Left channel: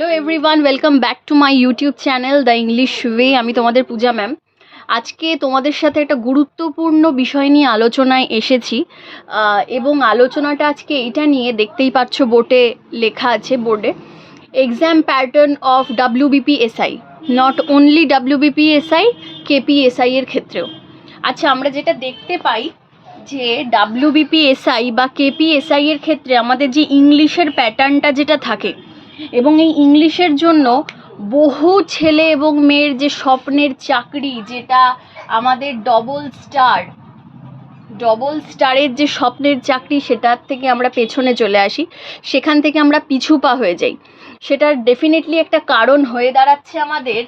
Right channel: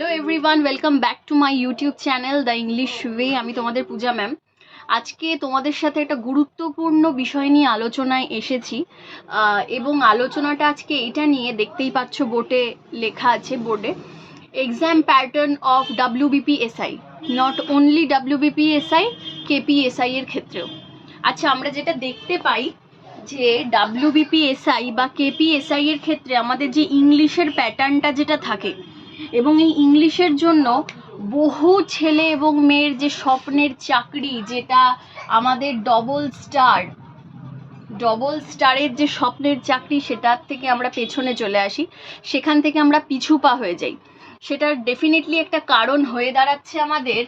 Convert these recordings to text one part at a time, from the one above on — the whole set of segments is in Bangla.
Hello everyone welcome back to my YouTube channel the English way আমি তোমাদের পূজা ম্যাম আজকে তোমাদের সাথে একটা গুরুত্বপূর্ণ বিষয় নিয়ে আলোচনায় এসেছি। এবং আলোচনাটা আজকে এটা নিয়ে দেখতেই পাচ্ছ, বোর্ডে লেখা আছে, বোর্ডে। Exam pattern of WBPSI not only WBPSI KPSI এর ক্ষেত্রেও। আচ্ছা আমরা যেটা দেখতে পাই যে ডাব্লিউবিপিএসআই বা কেপিএসআই এর ক্ষেত্রে আমাদের যে ইংলিশের প্যাটার্নটা যেটা থাকে এবং এই ইংলিশের জন্য বহু ছেলে এবং মেয়ের যে স্বপ্নের চাকরি, যেটা আমাদের ডবল স্টার ডবল স্টারের যে স্বপ্নের চাকরি, সেটার থেকে আমরা পেছনে চলে আসি। সেখান থেকে আমরা পিছু পা হয়ে যাই। সেটার ডেফিনেটলি একটা কারণ হয়ে দাঁড়াচ্ছে আমাদের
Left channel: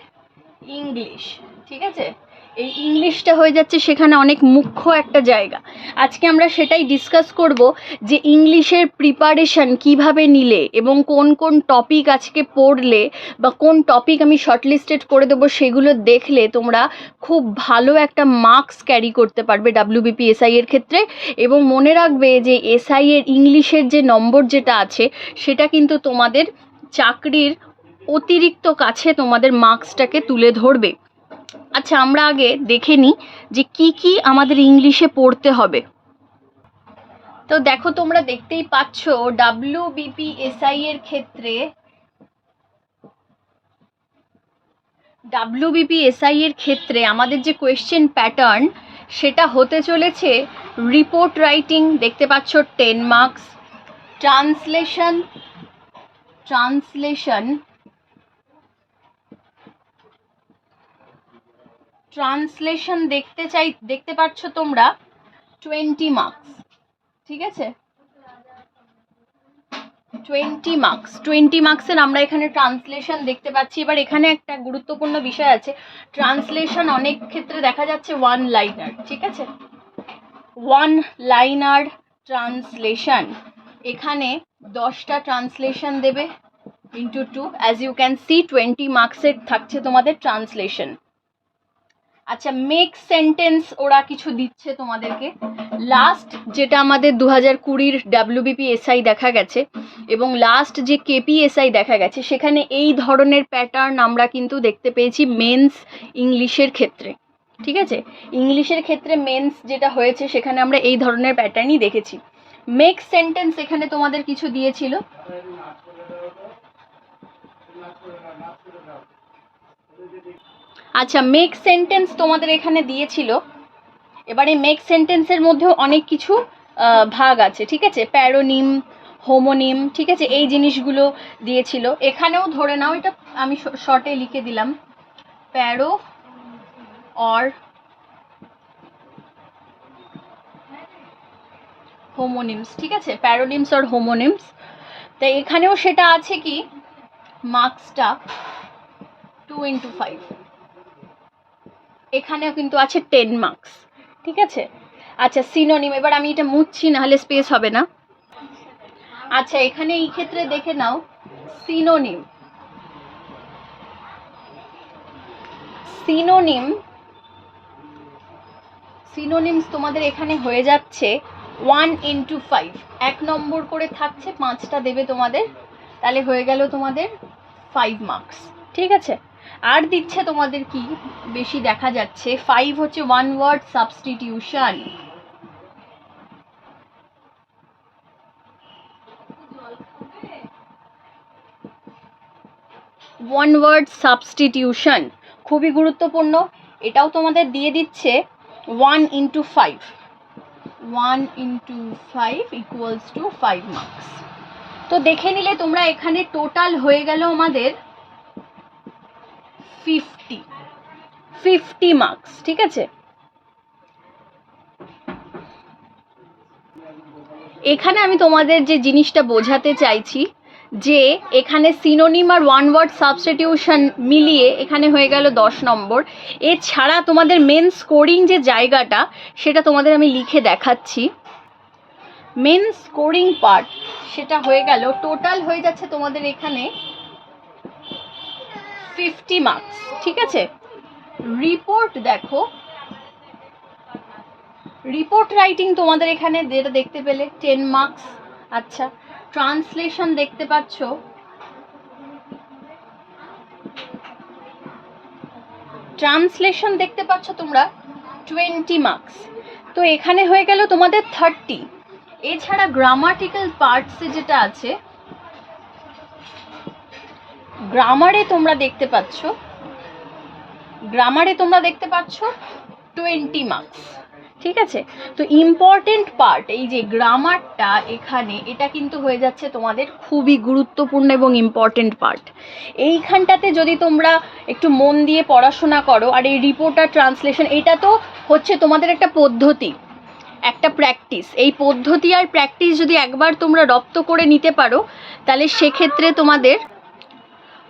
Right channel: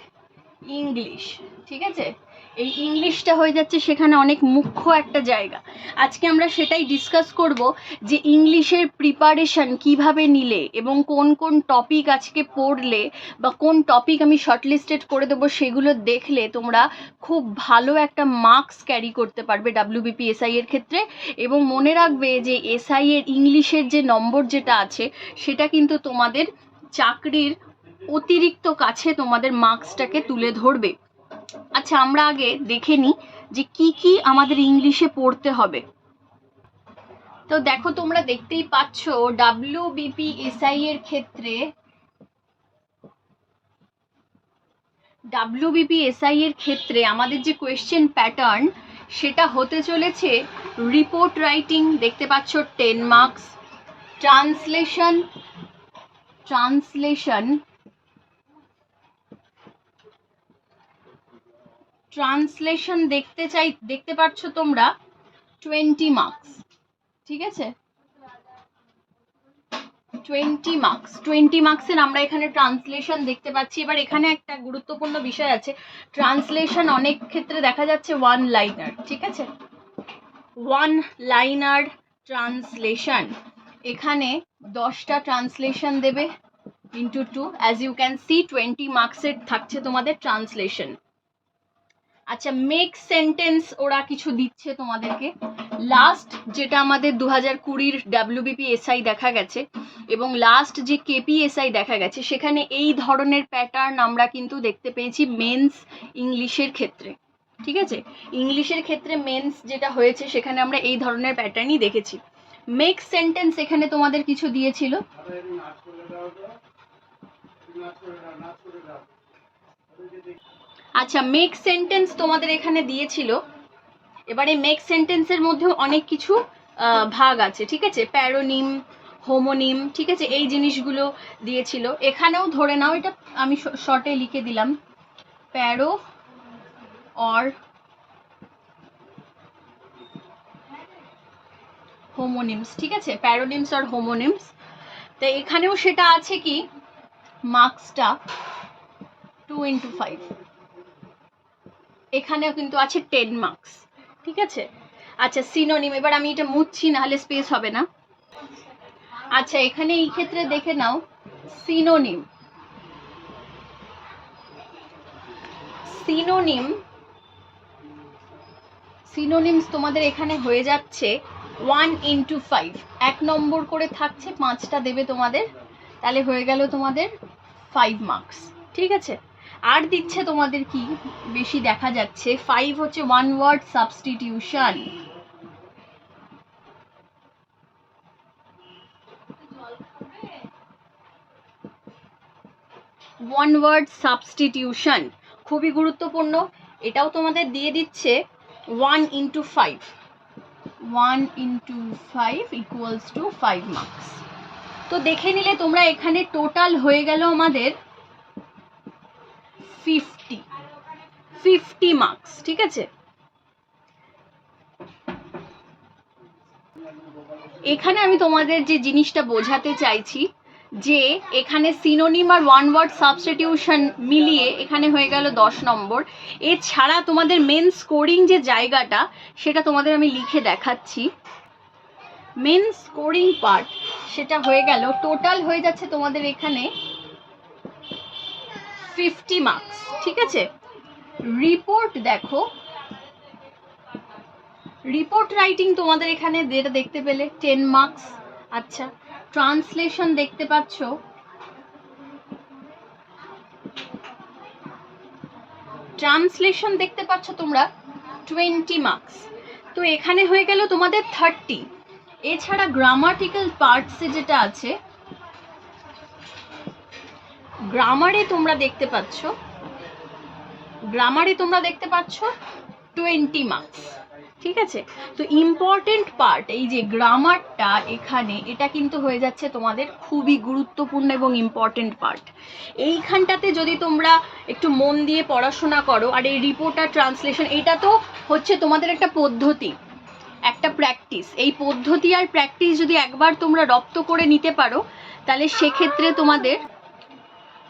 ইংলিশ ঠিক আছে? এই ইংলিশটা হয়ে যাচ্ছে সেখানে অনেক মুখ্য একটা জায়গা। আজকে আমরা সেটাই ডিসকাস করব যে ইংলিশের প্রিপারেশন কীভাবে নিলে এবং কোন কোন টপিক আজকে পড়লে বা কোন টপিক আমি শর্টলিস্টেড করে দেবো সেগুলো দেখলে তোমরা খুব ভালো একটা মার্কস ক্যারি করতে পারবে ডাব্লিউবিপি এসআই এর ক্ষেত্রে। এবং মনে রাখবে যে এসআই এর ইংলিশের যে নম্বর যেটা আছে, সেটা কিন্তু তোমাদের চাকরির অতিরিক্ত কাছে তোমাদের মার্কসটাকে তুলে ধরবে। আচ্ছা আমরা আগে দেখে নিই যে কি কি আমাদের ইংলিশে পড়তে হবে। তো দেখো, তোমরা দেখতেই পাচ্ছ ডাব্লিউ বিপিএসআই এর ক্ষেত্রে ডাব্লিউ বিপিএসআই এর ক্ষেত্রে আমাদের যে কোয়েশ্চেন প্যাটার্ন সেটা হতে চলেছে রিপোর্ট রাইটিং দেখতে পাচ্ছ ten marks translation translation translation দেখতে চাই, দেখতে পাচ্ছ তোমরা? টোয়েন্টি মার্কস ঠিক আছে? টোয়েন্টি মার্কস টোয়েন্টি মার্কসের আমরা এখানে ট্রান্সলেশন দেখতে পাচ্ছি। এবার এখানে একটা গুরুত্বপূর্ণ বিষয় আছে। ট্রান্সলেশন অনেক ক্ষেত্রে দেখা যাচ্ছে ওয়ান লাইনার ঠিক আছে? ওয়ান লাইনার ট্রান্সলেশন, এখানে দশটা ট্রান্সলেশন দেবে into two as you can see twenty মার্কসের থাকছে তোমাদের ট্রান্সলেশন। আচ্ছা মেক সেন্টেন্স ওরা কিছু দিচ্ছে তোমাদেরকে। লাস্ট যেটা আমাদের দু হাজার কুড়ির ডাব্লিউবিপি এসআই দেখা গেছে, এবং লাস্ট যে কেপিএসআই দেখা গেছে, সেখানে এই ধরনের প্যাটার্ন আমরা কিন্তু দেখতে পেয়েছি মেন্স ইংলিশের ক্ষেত্রে। ঠিক আছে? ইংলিশের ক্ষেত্রে মেন্স যেটা হয়েছে, সেখানে আমরা এই ধরনের প্যাটার্নই দেখেছি। মেক সেন্টেন্স এখানে তোমাদের কিছু দিয়েছিল। আচ্ছা মেক সেন্টেন্স তোমাদের এখানে দিয়েছিল। এবারে মেক সেন্টেন্সের মধ্যেও অনেক কিছু ভাগ আছে, ঠিক আছে? প্যারোনিম হোমোনিম ঠিক আছে? এই জিনিসগুলো দিয়েছিল। এখানেও ধরে নাও, এটা আমি শর্টে লিখে দিলাম। প্যারো অর হোমোনিমস ঠিক আছে? প্যারোনিমস অর হোমোনিমস তাই এখানেও সেটা আছে কি? মার্কসটা টু ইন্টু ফাইভ এখানেও কিন্তু আছে টেন মার্কস ঠিক আছে? আচ্ছা সিনোনিম এবার আমি এটা মুছছি নাহলে স্পেস হবে না। আচ্ছা এখানে এই ক্ষেত্রে দেখে নাও সিনোনিম সিনোনিম সিনোনিমস তোমাদের এখানে হয়ে যাচ্ছে ওয়ান ইন্টু ফাইভ এক নম্বর করে থাকছে, পাঁচটা দেবে তোমাদের, তাহলে হয়ে গেল তোমাদের ফাইভ মার্কস ঠিক আছে? আর দিচ্ছে তোমাদের কি? বেশি দেখা যাচ্ছে। ফাইভ হচ্ছে one word substitution one word substitution খুবই গুরুত্বপূর্ণ। এটাও তোমাদের দিয়ে দিচ্ছে one into five one into five equals to five marks তো দেখে নিলে তোমরা এখানে টোটাল হয়ে গেল আমাদের। ফিফটি মার্কস ঠিক আছে? এখানে আমি তোমাদের যে জিনিসটা বোঝাতে চাইছি, যে এখানে সিনোনিম আর ওয়ান ওয়ার্ড সাবস্টিটিউশন মিলিয়ে এখানে হয়ে গেল দশ নম্বর। এছাড়া তোমাদের মেন স্কোরিং যে জায়গাটা, সেটা তোমাদের আমি লিখে দেখাচ্ছি। মেন স্কোরিং পার্ট সেটা হয়ে গেল টোটাল হয়ে যাচ্ছে তোমাদের এখানে ফিফটি মার্কস ঠিক আছে? রিপোর্ট দেখো। রিপোর্ট রাইটিং তোমাদের এখানে যেটা দেখতে পেলে টেন মার্কস আচ্ছা। ট্রান্সলেশন দেখতে পাচ্ছ। ট্রান্সলেশন দেখতে পাচ্ছ তোমরা টোয়েন্টি মার্কস তো এখানে হয়ে গেল তোমাদের থার্টি এছাড়া গ্রামাটিক্যাল পার্টসে যেটা আছে গ্রামারে তোমরা দেখতে পাচ্ছ। গ্রামারে তোমরা দেখতে পাচ্ছ টোয়েন্টি মার্কস ঠিক আছে? তো ইম্পর্টেন্ট পার্ট এই যে গ্রামারটা এখানে, এটা কিন্তু হয়ে যাচ্ছে তোমাদের খুবই গুরুত্বপূর্ণ এবং ইম্পর্টেন্ট পার্ট এইখানটাতে যদি তোমরা একটু মন দিয়ে পড়াশোনা করো, আর এই রিপোর্টার ট্রান্সলেশন এটা তো হচ্ছে তোমাদের একটা পদ্ধতি, একটা প্র্যাকটিস এই পদ্ধতি আর প্র্যাকটিস যদি একবার তোমরা রপ্ত করে নিতে পারো, তাহলে সেক্ষেত্রে তোমাদের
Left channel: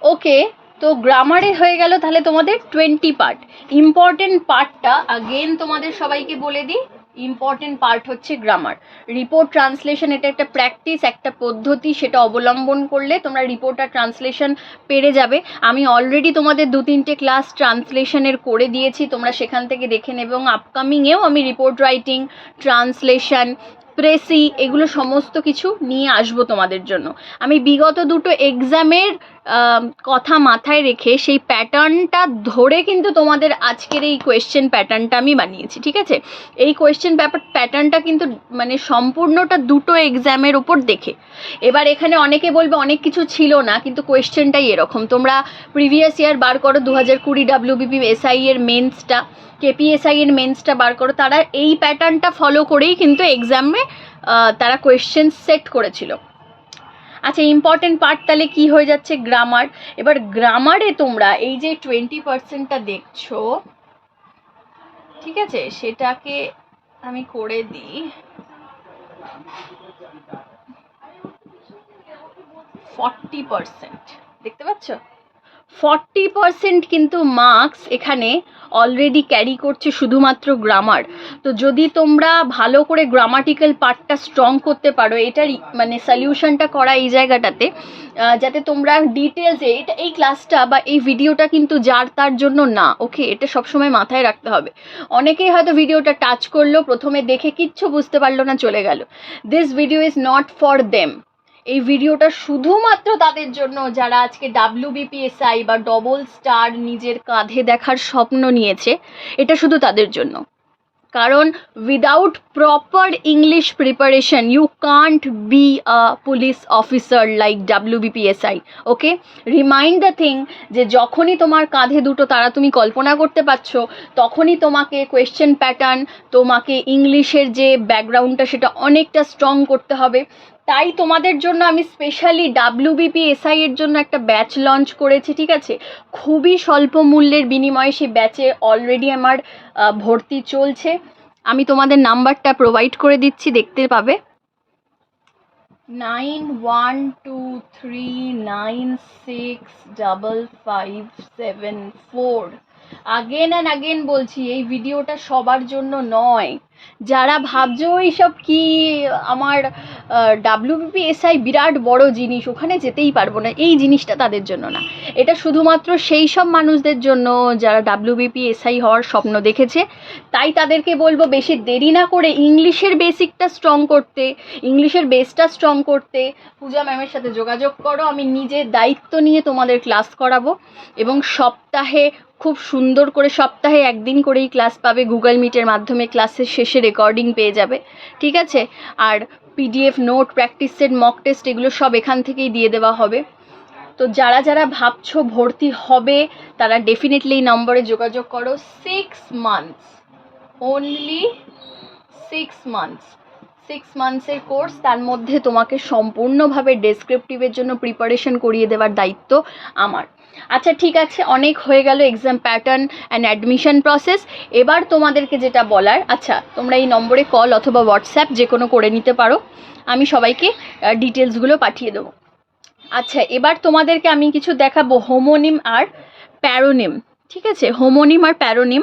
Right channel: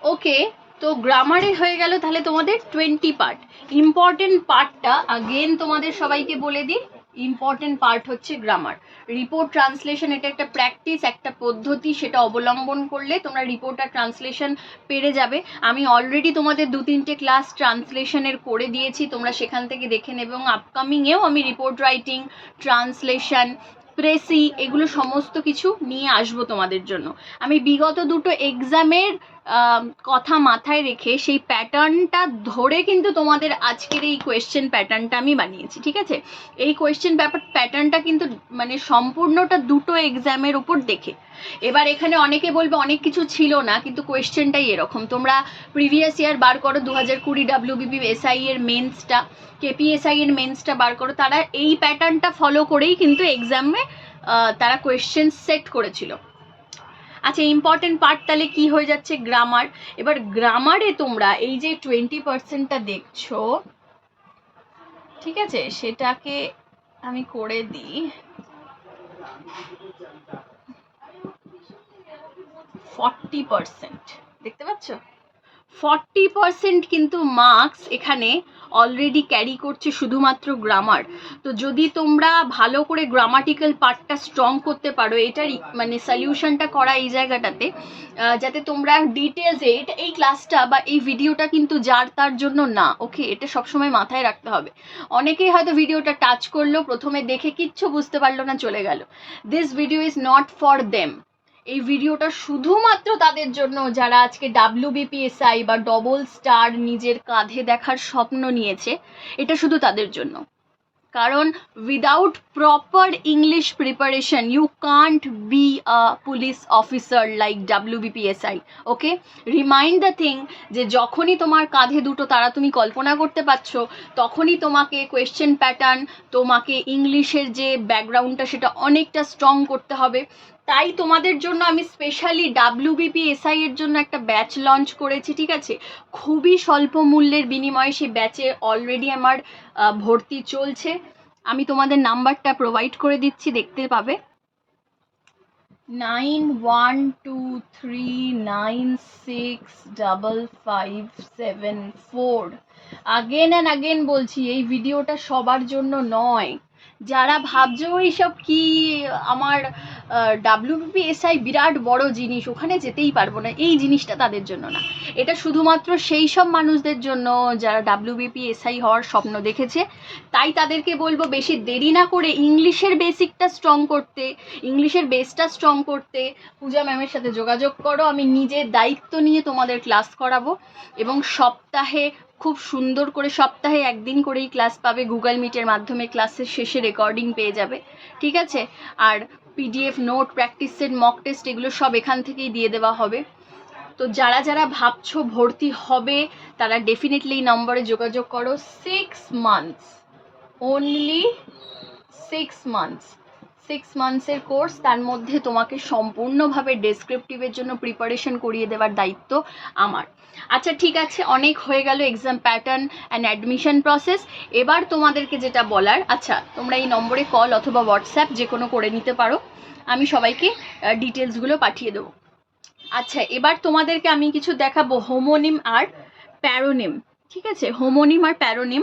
ওকে তো গ্রামারে হয়ে গেল তাহলে তোমাদের টোয়েন্টি পার্ট ইম্পর্টেন্ট পার্টটা আগেন তোমাদের সবাইকে বলে দিই ইম্পর্টেন্ট পার্ট হচ্ছে গ্রামার রিপোর্ট ট্রান্সলেশন এটা একটা প্র্যাকটিস একটা পদ্ধতি, সেটা অবলম্বন করলে তোমরা রিপোর্ট আর ট্রান্সলেশন পেরে যাবে। আমি অলরেডি তোমাদের দু তিনটে ক্লাস ট্রান্সলেশনের করে দিয়েছি, তোমরা সেখান থেকে দেখে নেবে এবং আপকামিংয়েও আমি রিপোর্ট রাইটিং ট্রান্সলেশন প্রেসি এগুলো সমস্ত কিছু নিয়ে আসব তোমাদের জন্য। আমি বিগত দুটো এক্সামের কথা মাথায় রেখে সেই প্যাটার্নটা ধরে কিন্তু তোমাদের আজকের এই কোয়েশ্চেন প্যাটার্নটা আমি বানিয়েছি, ঠিক আছে? এই কোয়েশ্চেন ব্যাপার প্যাটার্নটা কিন্তু মানে সম্পূর্ণটা দুটো এক্সামের উপর দেখে। এবার এখানে অনেকে বলবে অনেক কিছু ছিল না, কিন্তু কোয়েশ্চেনটাই এরকম। তোমরা প্রিভিয়াস ইয়ার বার করো দু হাজার কুড়ি ডাব্লিউবিপি এসআই এর মেন্সটা কেপিএসআই এর মেন্সটা বার করো, তারা এই প্যাটার্নটা ফলো করেই কিন্তু এক্সামে তারা কোয়েশ্চেন সেট করেছিল। আচ্ছা ইম্পর্টেন্ট পার্ট তাহলে কি হয়ে যাচ্ছে? গ্রামার এবার গ্রামারে তোমরা এই যে টোয়েন্টি পার্সেন্টটা দেখছ, ঠিক আছে? সেটাকে আমি করে দিই। ফর্টি পার্সেন্ট দেখতে পাচ্ছ? ফর্টি পার্সেন্ট কিন্তু মার্কস এখানে অলরেডি ক্যারি করছে শুধুমাত্র গ্রামার তো যদি তোমরা ভালো করে গ্রামাটিক্যাল পার্টটা স্ট্রং করতে পারো, এটার মানে সলিউশনটা করা এই জায়গাটাতে যাতে তোমরা ডিটেলসে এটা এই ক্লাসটা বা এই ভিডিওটা কিন্তু যার তার জন্য না ওকে এটা সবসময় মাথায় রাখতে হবে। অনেকেই হয়তো ভিডিওটা টাচ করল, প্রথমে দেখে কিচ্ছু বুঝতে পারল না, চলে গেল। This video is not for them এই ভিডিওটা শুধুমাত্র তাদের জন্য, যারা আজকে ডাব্লিউবিপিএসআই বা ডবল স্টার নিজের কাঁধে দেখার স্বপ্ন নিয়েছে, এটা শুধু তাদের জন্য। কারণ without proper English preparation you can't be a police officer like WBPSI okay remind the thing যে যখনই তোমার কাঁধে দুটো তারা তুমি কল্পনা করতে পারছ, তখনই তোমাকে কোয়েশ্চেন প্যাটার্ন তোমাকে ইংলিশের যে ব্যাকগ্রাউন্ডটা সেটা অনেকটা স্ট্রং করতে হবে। তাই তোমাদের জন্য আমি স্পেশালি ডাব্লিউবিপি এসআই এর জন্য একটা ব্যাচ লঞ্চ করেছি, ঠিক আছে? খুবই স্বল্প মূল্যের বিনিময়ে সেই ব্যাচে অলরেডি আমার ভর্তি চলছে। আমি তোমাদের নাম্বারটা প্রোভাইড করে দিচ্ছি, দেখতে পাবে। Nine one two three nine six double five seven four again and again বলছি, এই ভিডিওটা সবার জন্য নয়। যারা ভাবছ এইসব কি আমার ডাব্লিউবিপিএসআই বিরাট বড় জিনিস, ওখানে যেতেই পারব না, এই জিনিসটা তাদের জন্য না। এটা শুধুমাত্র সেই সব মানুষদের জন্য যারা ডাব্লিউবিপিএসআই হওয়ার স্বপ্ন দেখেছে। তাই তাদেরকে বলব, বেশি দেরি না করে ইংলিশের বেসিকটা স্ট্রং করতে, ইংলিশের বেসটা স্ট্রং করতে পূজা ম্যামের সাথে যোগাযোগ করো। আমি নিজে দায়িত্ব নিয়ে তোমাদের ক্লাস করাবো এবং সপ্তাহে খুব সুন্দর করে সপ্তাহে একদিন করেই ক্লাস পাবে। গুগল মিটের মাধ্যমে ক্লাসের শেষে রেকর্ডিং পেয়ে যাবে। ঠিক আছে? আর PDF note practice set mock test এগুলো সব এখান থেকেই দিয়ে দেওয়া হবে। তো যারা যারা ভাবছ ভর্তি হবে, তারা ডেফিনেটলি এই নম্বরে যোগাযোগ করো। Six months only six months six মান্থসের course তার মধ্যে তোমাকে সম্পূর্ণভাবে ডেসক্রিপটিভের জন্য প্রিপারেশন করিয়ে দেওয়ার দায়িত্ব আমার। আচ্ছা ঠিক আছে, অনেক হয়ে গেল exam pattern and admission process এবার তোমাদেরকে যেটা বলার আচ্ছা তোমরা এই নম্বরে কল অথবা হোয়াটসঅ্যাপ যে কোনো করে নিতে পারো। আমি সবাইকে ডিটেলসগুলো পাঠিয়ে দেবো। আচ্ছা এবার তোমাদেরকে আমি কিছু দেখাবো হোমোনিম আর প্যারোনিম ঠিক আছে হোমোনিম আর প্যারোনিম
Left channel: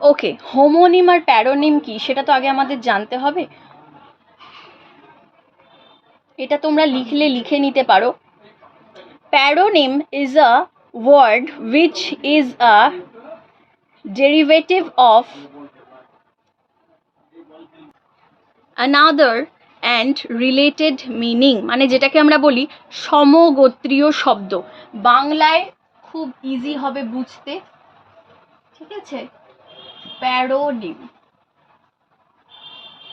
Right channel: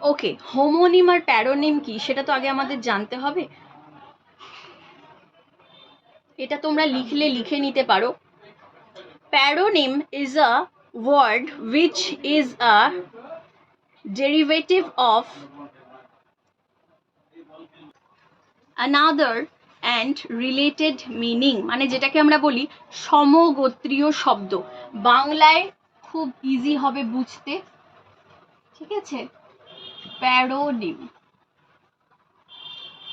ওকে হোমোনিম আর প্যারোনিম কি? সেটা তো আগে আমাদের জানতে হবে। এটা তোমরা লিখলে লিখে নিতে পারো। Paronym is a word which is a derivative of another and related meaning মানে যেটাকে আমরা বলি সমগোত্রীয় শব্দ। বাংলায় খুব ইজি হবে বুঝতে। ঠিক আছে? প্যারোনিম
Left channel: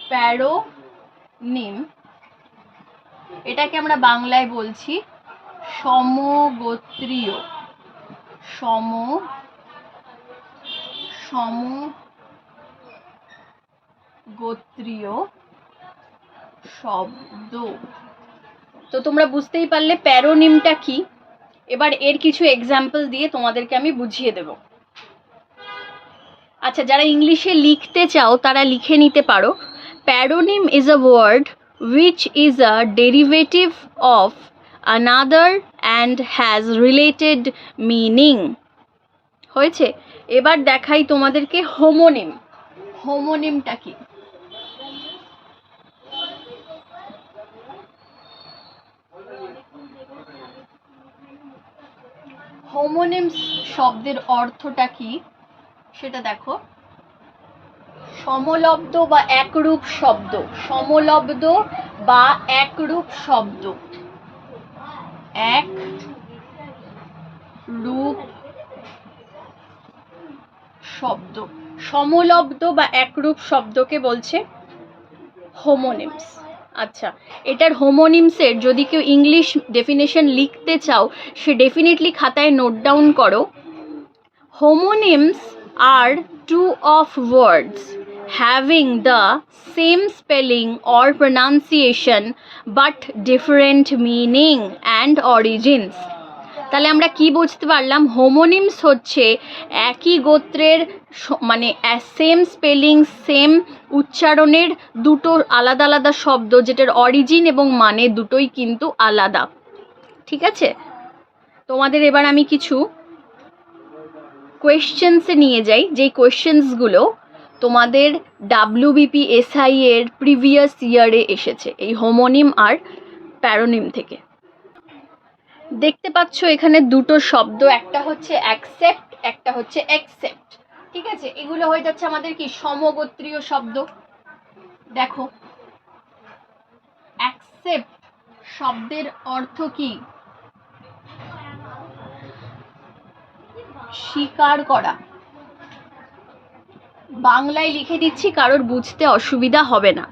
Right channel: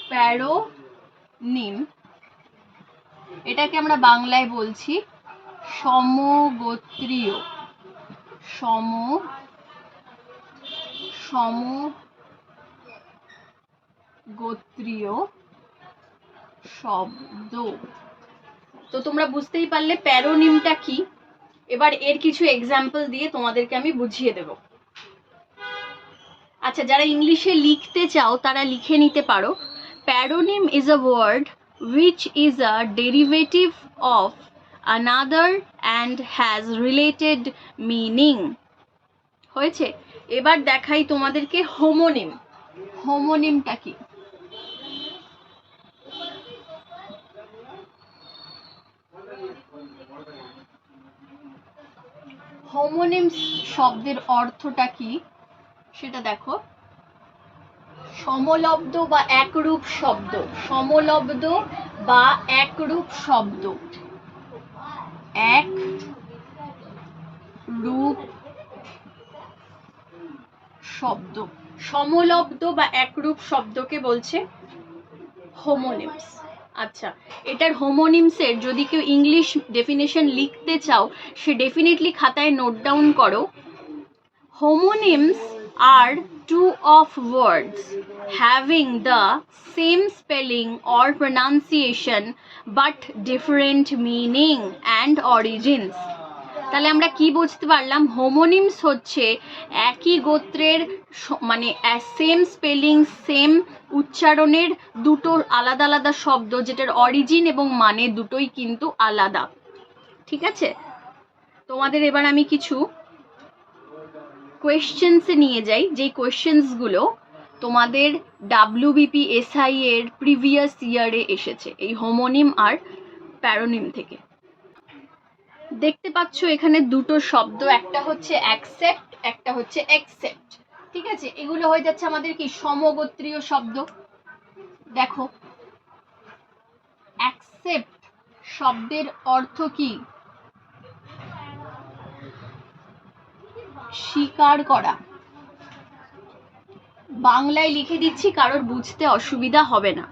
প্যারোনিম এটাকে আমরা বাংলায় বলছি। সমগোত্রীয়। সম সম গোত্রীয় শব্দ। তো তোমরা বুঝতেই পারলে প্যারোনিমটা কি? এবার এর কিছু এক্সাম্পল দিয়ে তোমাদেরকে আমি বুঝিয়ে দেব। আচ্ছা যারা ইংলিশে লিখতে চাও, তারা লিখে নিতে পারো। Paronym is a word which is a derivative of another and has related meaning. হয়েছে? এবার দেখাই তোমাদেরকে হোমোনিম হোমোনিমটা কি? হোমোনিমস শব্দের অর্থটা কি? সেটা দেখো। সমলব্ধ বা একরূপ শব্দ। সমলব্ধ বা একরূপ শব্দ। এক, রূপ, শব্দ। সমলব্ধ বা একরূপ শব্দকে বলছে হোমোনিমস আচ্ছা এটার হোমোনিমসের যদি কেউ ইংলিশ ডেফিনেশন লিখতে চাও, সে ডেফিনেটলি খাতায় নোট ডাউন করো। Homonyms are two of words. Having the same spelling or pronunciation but different meaning and origins. তাহলে আমরা কি বুঝতে পারলাম? হোমোনিমস হচ্ছে একই গোত্রের মানে সেম স্পেলিং সেম উচ্চারণের দুটো আলাদা আলাদা শব্দ যেটার অরিজিন এবং মানে দুটোই কিন্তু আলাদা। ঠিক আছে? তোমাদের এবার আমি কিছু কোয়েশ্চেন্সে নিয়ে যাই। যেই কোয়েশ্চেন্সগুলো তোমাদের ডাব্লিউবিপি এসআই এর প্রিভিয়াস ইয়ারে এসেছে, এই হোমোনিম আর প্যারোনিম থেকে। দেখতে পাচ্ছ এখানে দুটো শব্দ, একটা হচ্ছে অ্যাকসেপ্ট একটা হচ্ছে অ্যাকসেপ্ট ঠিক আছে? এগুলো হয়ে যাচ্ছে আমাদের কি? সমগোত্রীয় শব্দ। দেখো। অ্যাকসেপ্ট শব্দের অর্থ কি? স্বীকার করা। বাংলায় লিখে দিচ্ছি, কারোর বুঝতে অসুবিধা হবে না।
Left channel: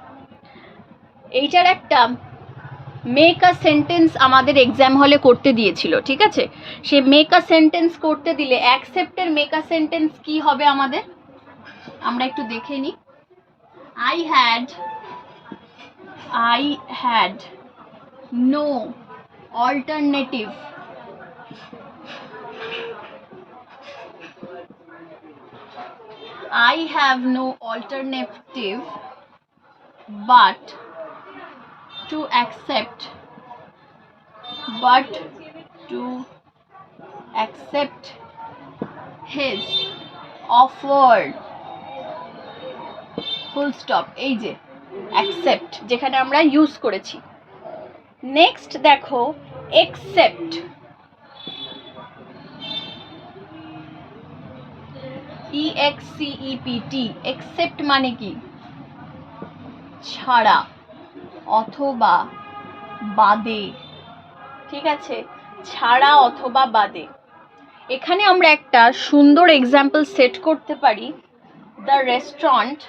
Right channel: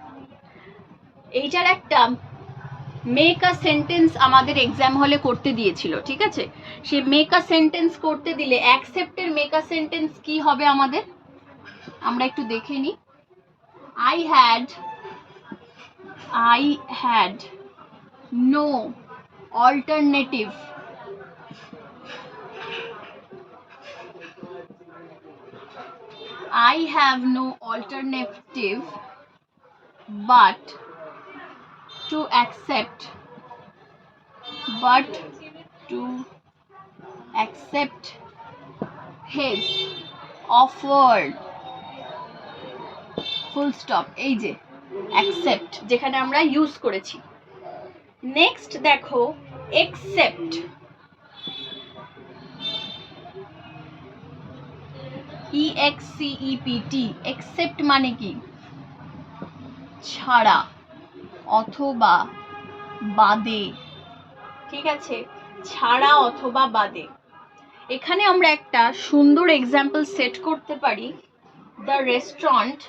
এইটার একটা মেক আ সেন্টেন্স আমাদের এক্সাম হলে করতে দিয়েছিল, ঠিক আছে? সে মেক আ সেন্টেন্স করতে দিলে অ্যাকসেপ্টের মেক আ সেন্টেন্স কি হবে আমাদের? আমরা একটু দেখে নিই। I had I had no alternative I have no alternative but to accept but to accept his offered full stop এই যে accept যেখানে আমরা ইউজ করেছি নেক্সট দেখো accept ই এক্স একসেপ্ট মানে কি? ছাড়া অথবা বাদে। ঠিক আছে? ছাড়া অথবা বাদে। এখানে আমরা একটা সুন্দর এক্সাম্পল সেট করতে পারি। The restaurant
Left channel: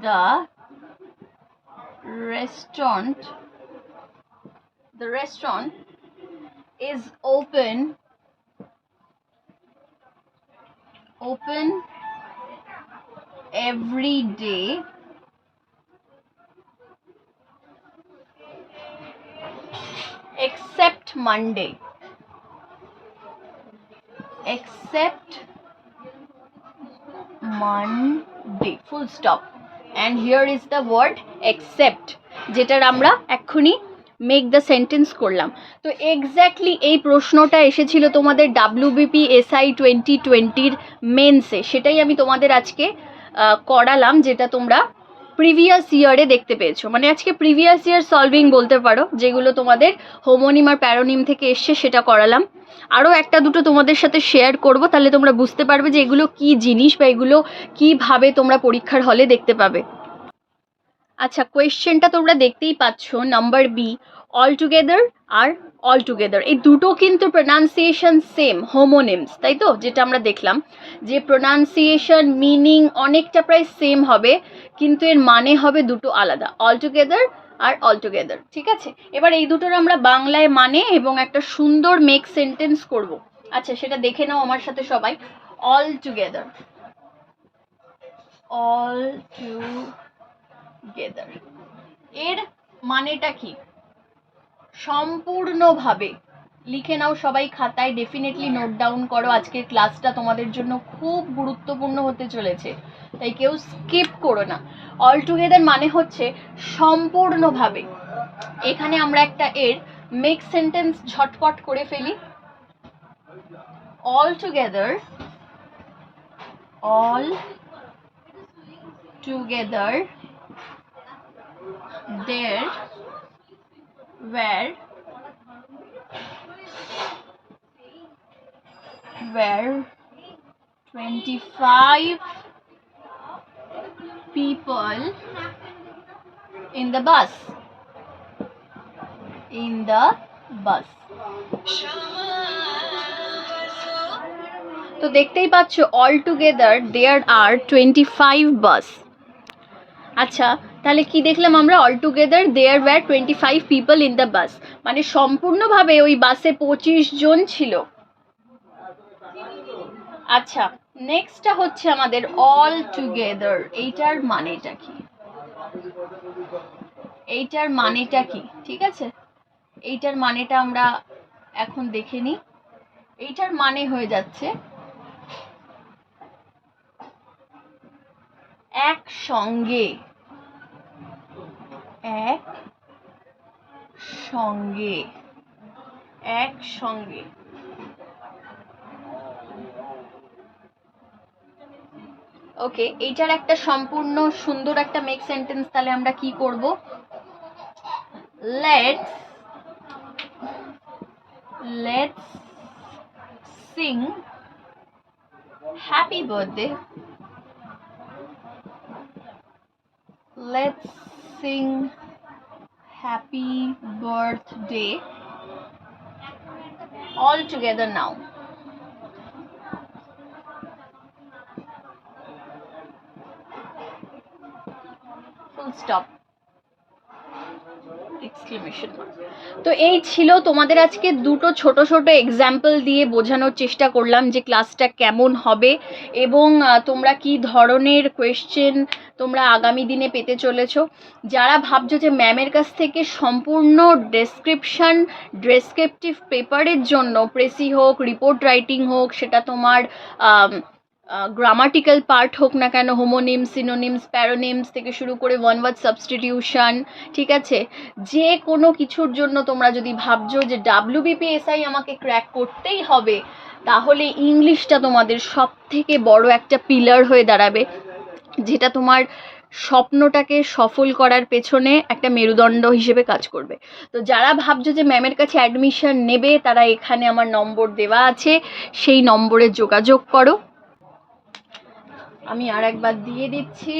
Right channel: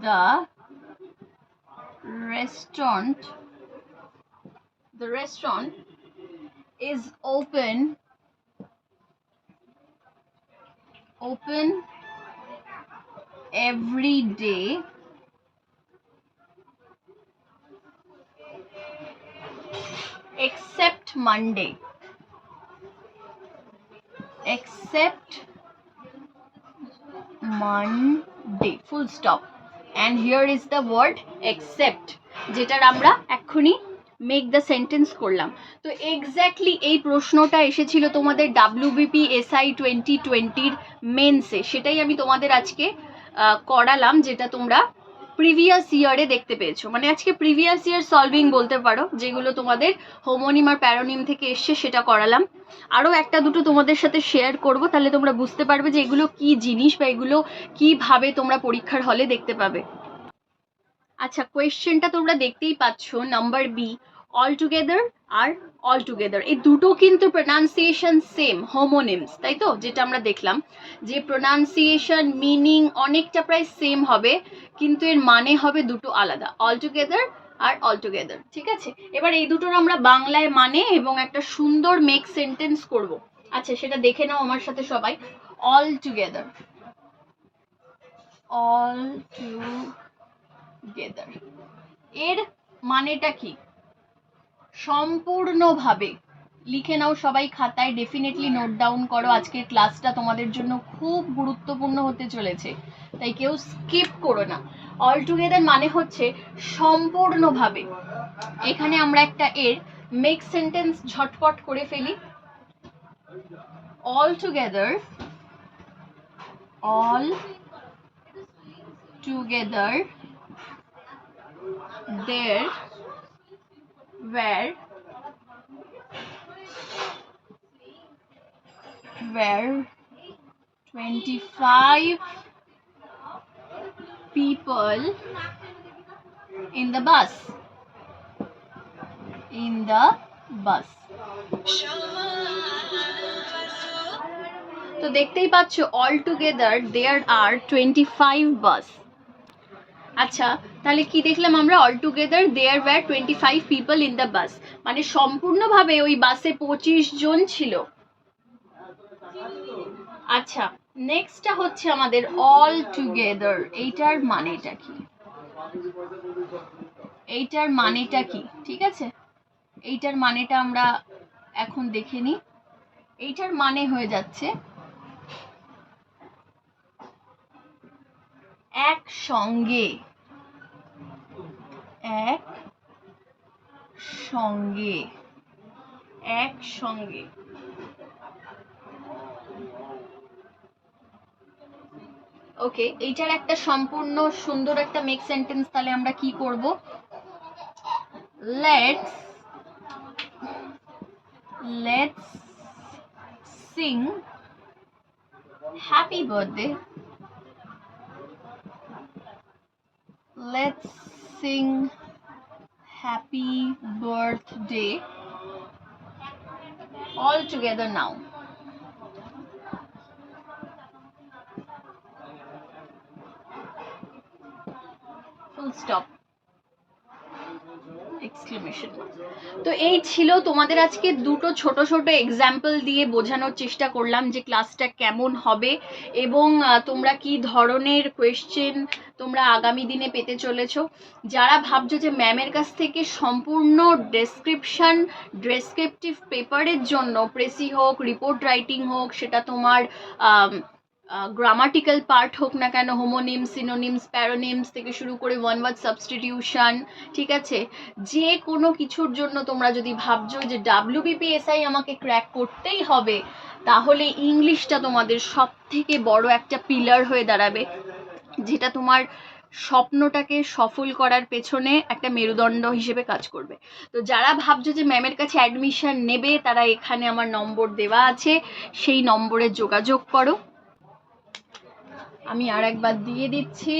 the restaurant the restaurant is open open every day except Monday. Except Monday. Full stop. And here is the word except যেটার আমরা এক্ষুনি মেক দ্য সেন্টেন্স করলাম। তো এক্স্যাক্টলি এই প্রশ্নটা এসেছিল তোমাদের ডাব্লিউবিপি এসআই টোয়েন্টি টোয়েন্টির মেন্সে সেটাই আমি তোমাদের আজকে করালাম, যেটা তোমরা প্রিভিয়াস ইয়ারে দেখতে পেয়েছ। মানে আজকে প্রিভিয়াস ইয়ার সলভিং বলতে পারো, যেগুলো তোমাদের হোমোনিম আর প্যারোনিম থেকে এসছে, সেটা করালাম। আরও একটা দুটো তোমাদের সাথে শেয়ার করব, তাহলে তোমরা বুঝতে পারবে যে এগুলো কি জিনিস বা এগুলো কীভাবে তোমরা পরীক্ষার হলে দেখতে পাবে। আচ্ছা কোয়েশ্চেনটা তোমরা দেখতেই পাচ্ছ নাম্বার বি অল টুগেদার আর অল টুগেদার এই দুটো কিন্তু প্রোনাউন্সিয়েশন সেম হোমোনিমস তাই তো? যেটা আমরা দেখলাম, যে প্রোনাউন্সিয়েশন মিনিং অনেকটা প্রায় সেম হবে, কিন্তু এর মানে হবে দুটো আলাদা অল টুগেদার আর অল টুগেদার ঠিক আছে? এবার এই দুটোর আমরা বাংলায় মানে এবং একটা সুন্দর মেক সেন্টেন্স করব। আচ্ছা সেটা দেখে নাও আমার সাথে সবাই অল টুগেদার অল টুগেদার এর মানেটা কি? সম্পূর্ণভাবে। লিখে নাও সবাই খাতায় ডেফিনেটলি নোট ডাউন করো। আজকের ক্লাসটা তোমাদের জন্য খুব গুরুত্বপূর্ণ হতে চলেছে, তাই কেউ স্কিপ করো না। অল টুগেদার মানে হচ্ছে সম্পূর্ণভাবে। এখানে আমরা একটা এর মেক সেন্টেন্স ঝটপট করে ফেলি। All together all together there were were 25 people in the bus in the bus তো দেখতেই পাচ্ছ all together there are twenty five bus আচ্ছা তাহলে কি দেখলাম আমরা? All together there were twenty five people in the bus মানে সম্পূর্ণভাবে ওই বাসে পঁচিশ জন ছিল। আচ্ছা নেক্সটটা হচ্ছে আমাদের অল টুগেদার এইটার মানেটা কি? এইটার মানেটা কি? ঠিক আছে? এইটার মানেটা আমরা এখন দেখে নিই। এইটার মানে হয়ে যাচ্ছে একসঙ্গে। এক সঙ্গে এক সঙ্গে। ওকে এইটার একটা সম্পূর্ণ সুন্দর একটা মেক সেন্টেন্স তাহলে আমরা কি করব? Let's let's sing happy birthday let's sing happy birthday all together now. Full stop exclamation তো এই ছিল তোমাদের আজকে দুটো ছোট ছোট এক্সাম্পল দিয়ে বোঝানোর চেষ্টা করলাম যে ক্লাসটা কেমন হবে এবং তোমরা কি ধরনের কোয়েশ্চেন তোমরা আগামী দিনে পেতে চলেছো। যারা ভাবছ যে ম্যামের কাছ থেকে সম্পূর্ণ ডেসক্রিপশন ডেসক্রিপটিভ পেপারের জন্য প্রেসি হোক রিপোর্ট রাইটিং হোক, সেটা তোমার গ্রামাটিক্যাল পার্ট হোক না কেন হোমোনিমস সিনোনিমস প্যারোনিমস থেকে শুরু করে ওয়ান ওয়ার্ড সাবস্টিটিউশন ঠিক আছে? যে কোনো কিছুর জন্য তোমরা যদি ভাবছ যে ডাব্লিউবিপিএসআই আমাকে ক্র্যাক করতেই হবে, তাহলে ইংলিশটা তোমাদের সব থেকে বড় একটা পিলার হয়ে দাঁড়াবে, যেটা তোমার স্বপ্নটাকে সফল করার পেছনে একটা মেরুদণ্ড হিসেবে কাজ করবে। তো যারা ভাবছ যে ম্যামের কাছে অ্যাডমিশন নেবে, তারা এখানে আমার নম্বর দেওয়া আছে, সেই নম্বরে যোগাযোগ করো। আমি আর একবার দিয়ে দিচ্ছি।